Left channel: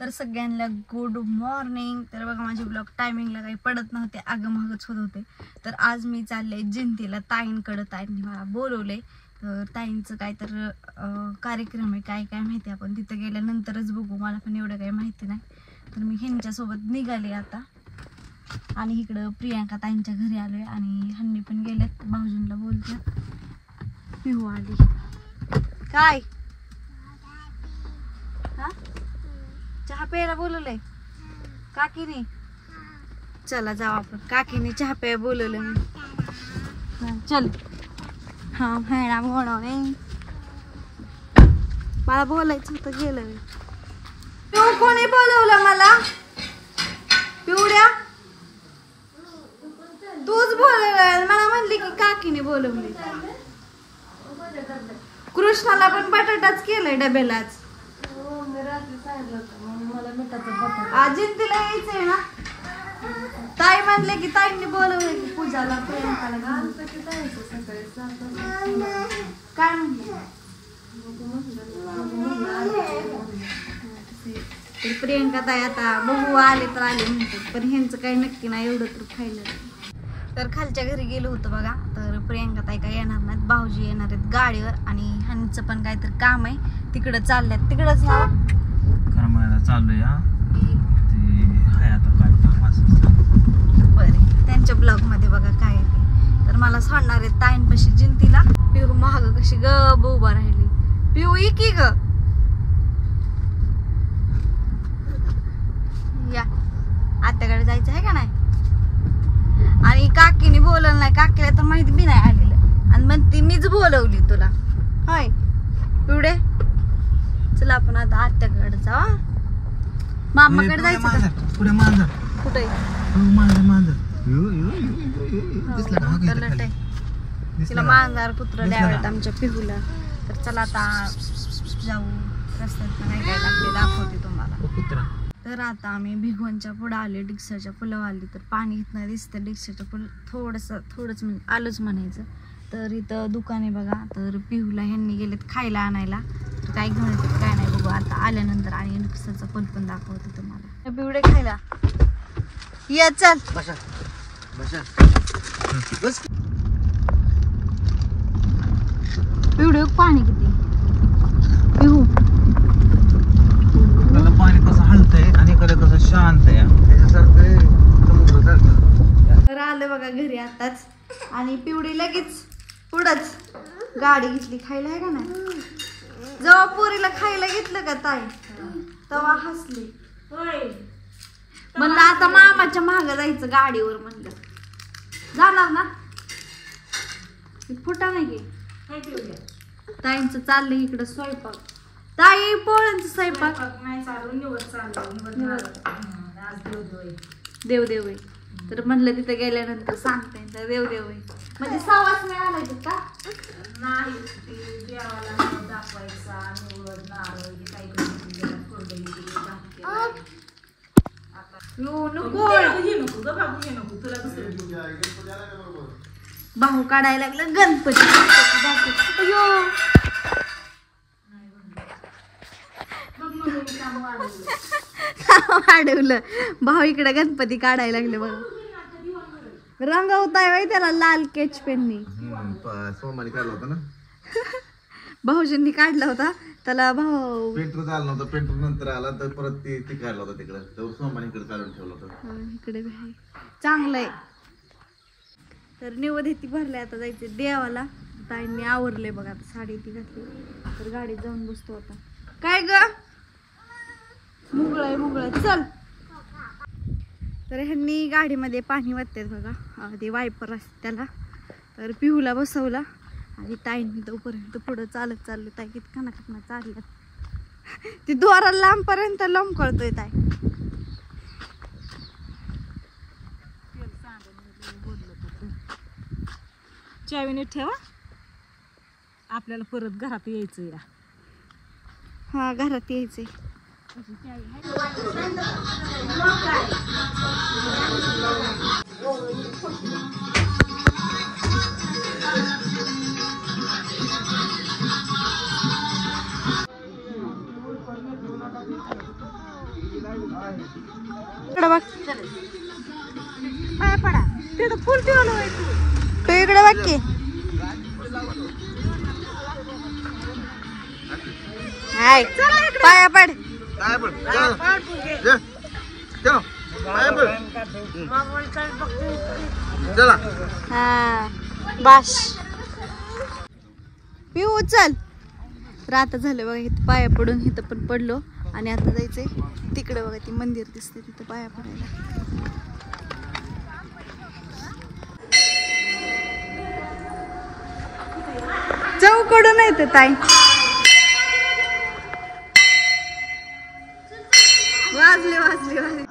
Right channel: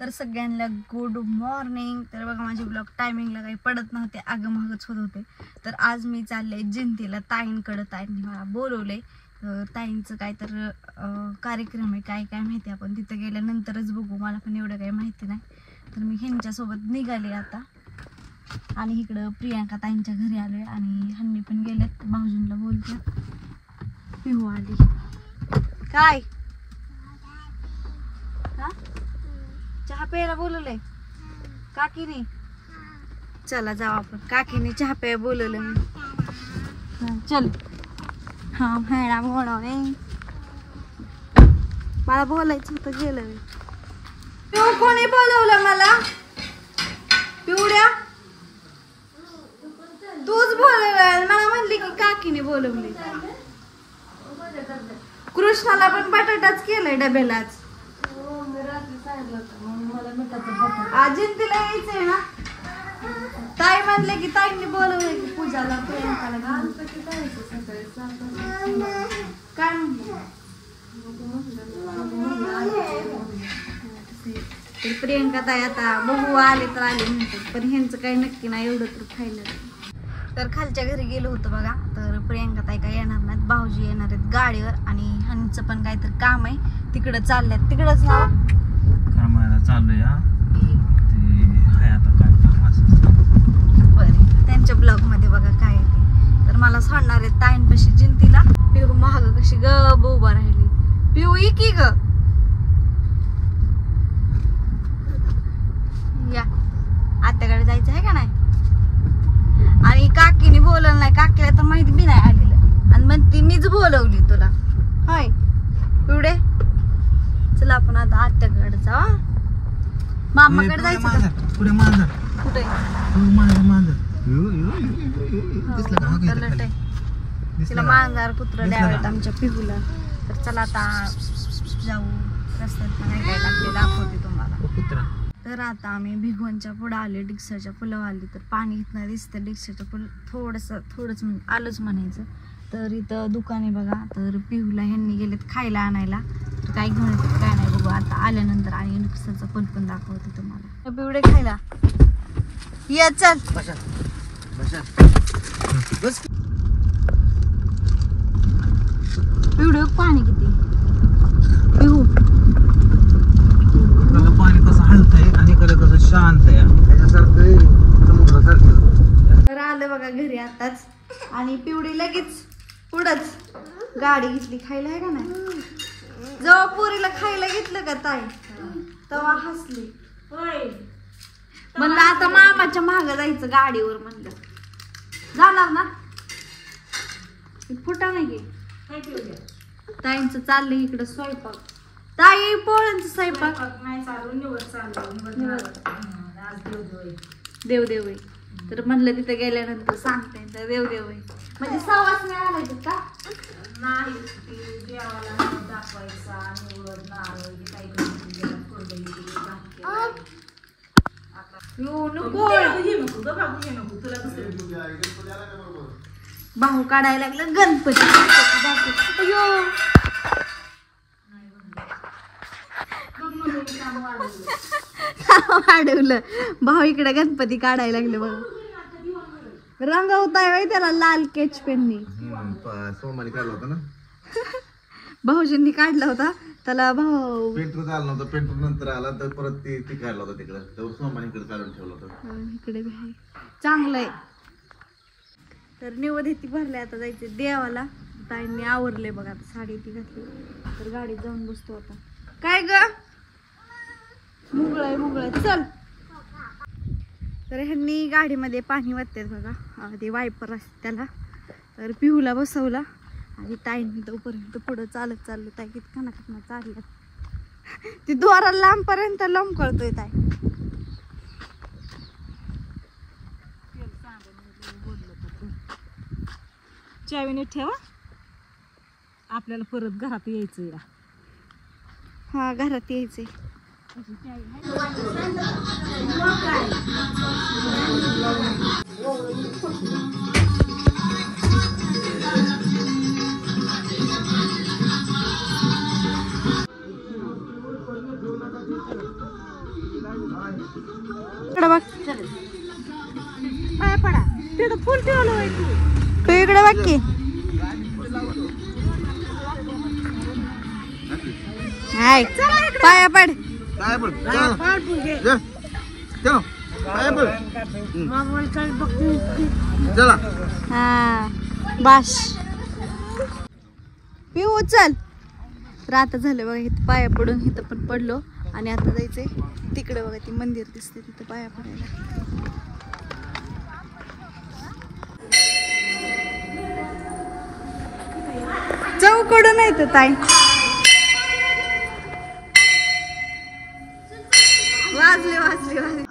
तर सगळ्यांना good morning. तर बघा माझे ब्लॉग टायमिंगला काही पडत नव्हते, आगमहागच होत होते. तर आज मी चालले जिंतीला ताईंकडे. ताईंनी मला बोलवले. तर ताईंचं काय तर कार्यक्रम आहे, काय काय माहिती, आपण तिथं गेल्यानंतरच बघू. मला पण एवढं काही माहिती नाही. तर मी ह्यांच्यासोबत निघाले आता. आणि इकडं प्रियांका ताईंच्या घरी आलोय आणि हन्नी पण गेल्यात. भाऊजींना बोलते पिहू आली. काय चहा प्यायला बोलवलंय काकीने? चला जाऊ आपण. काकीने चहा प्यायला बोलवलं मी. चल. हा भायला बोलवले. मला बोलायचं होतं, गेलं मी. कोणी बोलवलं मला? पिवड्या तूच बोलवलं मला. म्हणली का काकीने बोलवलं? कृष्णाला पण बटाटाच केलंय डब्यालाच. जिंतीला यायचंय ना. ताई म्हणले की ताईंनी बोलवलं की पूजाला प्रियांकाला. काय प्रियांका ताई आता बघू आले तर आले म्हणतात, पण ह्यांचं काही नक्की नाही एवढं तर खायला. तर खालच्या घरी गेलो होतो बघा. तर प्रियांका ताई काय येणार नाहीत, भाऊजी येणार आहेत गाडीवर. आणि ह्यांचं पण काहीतरी काम आहे, तिकडं चाललंय. तिकडंच ना चाललंय आता काय काम असं. बरं, त्यांच्या ब्लॉग मध्ये बघा काय ते. तर मला सांगणार आहेत ताईंपाशी जिंतीला. पिऊ महाग कशी ग उभा राहिली. पिऊ की ग या आत्याकडे जायचं आहे का नाही? आणि काकीने बोलवलं नाही. काकीला तर माहिती बी नाही आलेलं आणि म्हणते मीच बोलवली तुला. होय पिवडे, चला आपण आता आत्याकडे जाऊ. मामाकडे जायचं का? कुठे? तिला मांजर कुत्रा द्यावेत आमच्या पिहूला. तर चला आता जाऊ. रस्त्यात काय काय लागले दाखवते तुम्हाला. तर आता आम्ही भिगवणच्या पुढे आले, डिक्सरच्या पुलावर आले. तर पाणी इथनं दिसतं. डिक्सरच्या पुल थोडंच आलंच म्हणायचं. तर इथं दुकान आहे बघा. तर पिहूला ह्यांनी गेलेत खायला आणायला. तर काय घेऊन येतात काय नाही बघू आता आल्यानंतर. आणि डिक्सरचा पूल पण दाखवते तुम्हाला. पिवडे खायला या चल. पिवडे पाणी किती पिहू. पाणी कसं हलतंय आणि कसं शांत आहे. तर आलं बघा घरी आताच. आणि पिवडी लगेच पुढंच गाडी घेतली खायला आहे का नाही. जेव्हा पोरीला खायला घेतलं का ताई तेव्हा हसली. म्हणलं आता मामाच्या मागं जायचं गाडीवर. म्हणलं जाणार ना. फुटा नाही ताईंचं चाललंय इकडं स्वयंपाक. ताई पोळ्यांचा स्वयंपाक नाही चालू. देवदेव. तर म्हणलं तिथे गेल्यानंतर सांगते तर देवदेव म्हणजे सावास नाही आलायचं का? नाही, देवाला दाखवायचा निवड नारळ भाऊ काढायला लागलं गणपती. वाढवलं भाऊ इकडे गणपती काढायला लागले बघा. रंगवताय त्याला लाल केच पेननी. भाऊजींनी काढलं होतं त्याला. भाऊ पेंटर चालला नव्हता, पेंटर नंतर आला तर परत ती काढला होता तिकडे. तर सोमानीकडे चालून ठेवलं होतं इकडे. चांगलंय. तर निवडती भरले आता जायचे देवाला. ताईंनी आवरले बघा. आता साडी ती घातली. तर गाडीत जाऊन बसतो आता. काय ग मुगळाय चल. तर ह्यांनी गाडीमध्ये पाणी वाटतात बघा. ते वायपर असते त्याला. तर पिहूला बसवला आणि ताईंनी तोपर्यंत पुढं चालत चालले. ताई किती खाना चालल्या. ती दोरा लांबपर्यंत लोंबकळतोय ताई. चावीने ठेवा. आपल्याला परत घरात यायचंय. हा घरात यायचंय. इकडे बघ तू इकडे बघ की हाय पाया पड काय पण चला पाया पड चला हा बाश पिऊ चल तर आता झालं बघा इथं पाया पडून इथं पण पडलो आणि आता जायचंय तिकडे बघा ते मंदिर दिसते तिथं पाया पडायला चौकडून येते ताई वाजले वाजले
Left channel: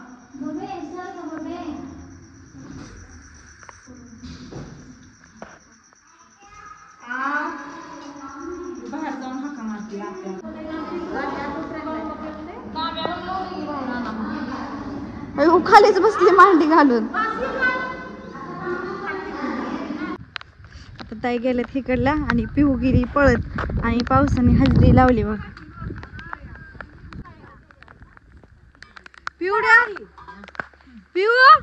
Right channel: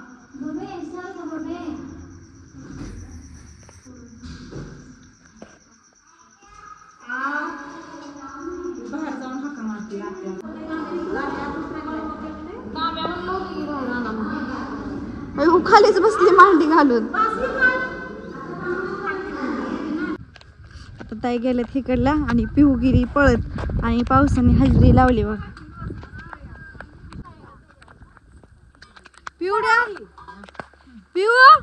खालीच बसली मांडी घालून आता ताई गेल्यात हिकडला आणि पिहू गेली पळत आणि पावसाने हजेरी लावली बघ पिवड्या पिहू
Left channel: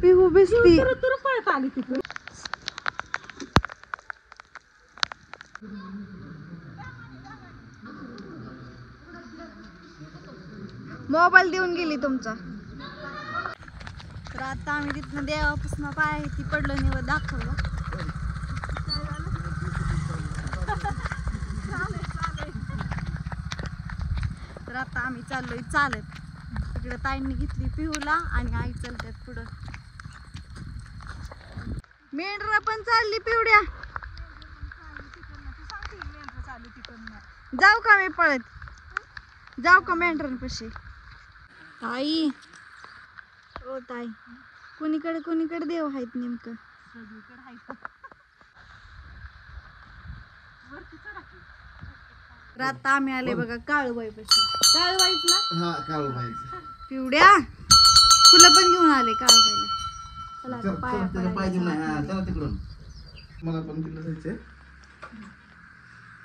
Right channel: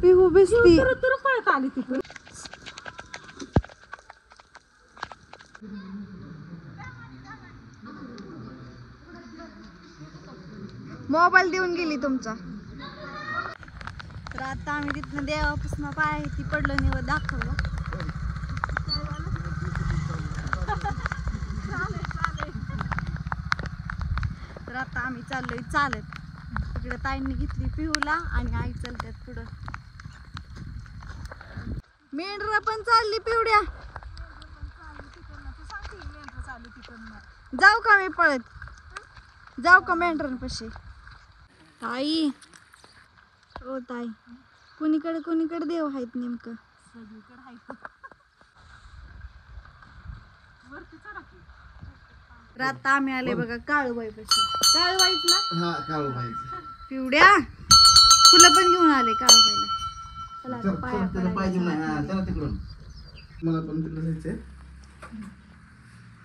पिहू भिजती पळत आली तिकडे मोबाईल देऊन गेली तुमचा तर आता आम्ही तिथनं देवापासून पाय ती पडलं नाही दाखवलं तर आता आम्ही चाललोय चालत तिकडे ताईंनी घेतली पिहूला आणि आई चालतात पुढं मेंढरा पण चालली पिवड्या जाऊ का मी पळत जाऊ का मेंढरांपाशी आई हो ताई कुणीकडे देव आहेत नेमकं आता आम्ही आले बघा काळूबाईपाशी काळूबाईला पिवड्या तुला पण घेऊन आले काळूबाईला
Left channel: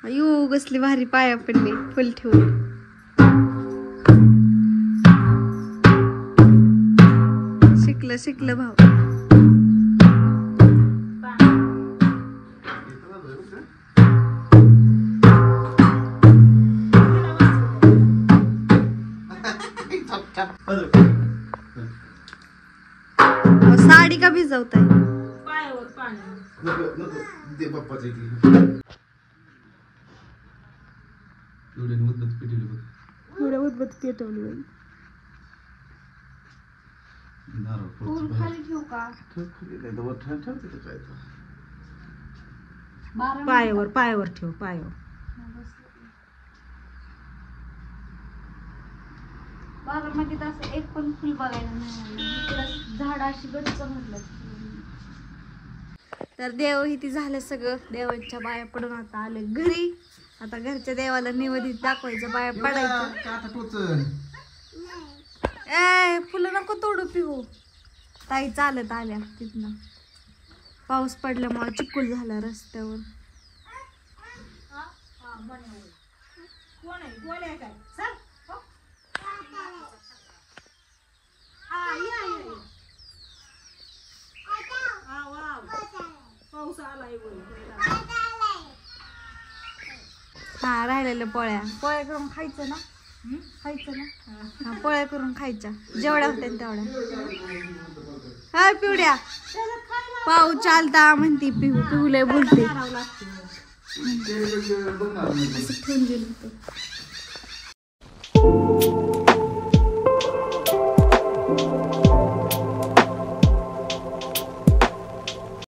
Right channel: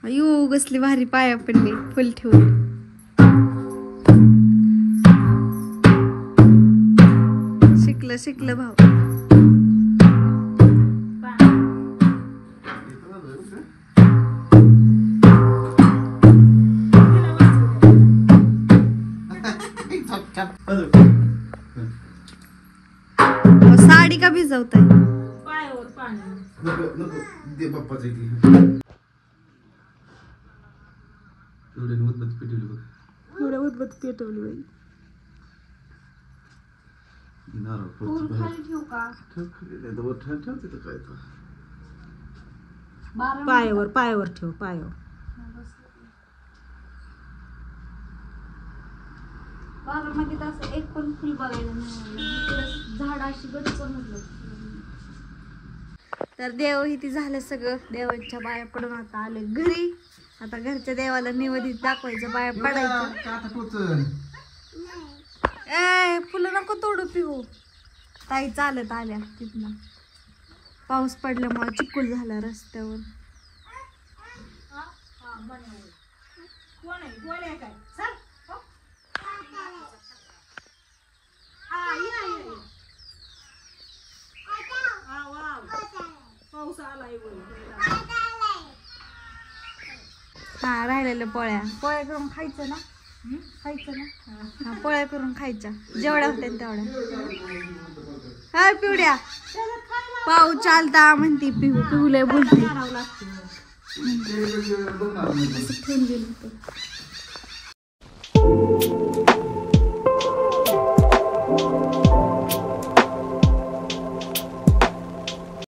अयो कसली भारी पाया पडली फुल ठेवून शिकलं भाऊ साडी का भिजवताय उदबत्ती पेटवली बाई पायावर ठेव पायावर बाबामध्ये असं एक पण फुल बघायला नाही झाड अशी गच्च म्हटलं तर देव इथे झालं सगळं देवाच्या बाया पडून आता आले घरी आता घरच्या देवाला निवेदित दाखवायचं बाया पडायचं ए फुलं नको तोडू पिहू ताई चालत आल्या तिथनं पाऊस पडल्यामुळे चिखल झाला रस्त्यावर हा राहिलेल्या पोळ्या करून खायचं ना पोळ्या करून खायच्या जेवढ्या होत्या तेवढ्या हा पिवड्या पाऊ चालता म्हणती पिहू लय बोलते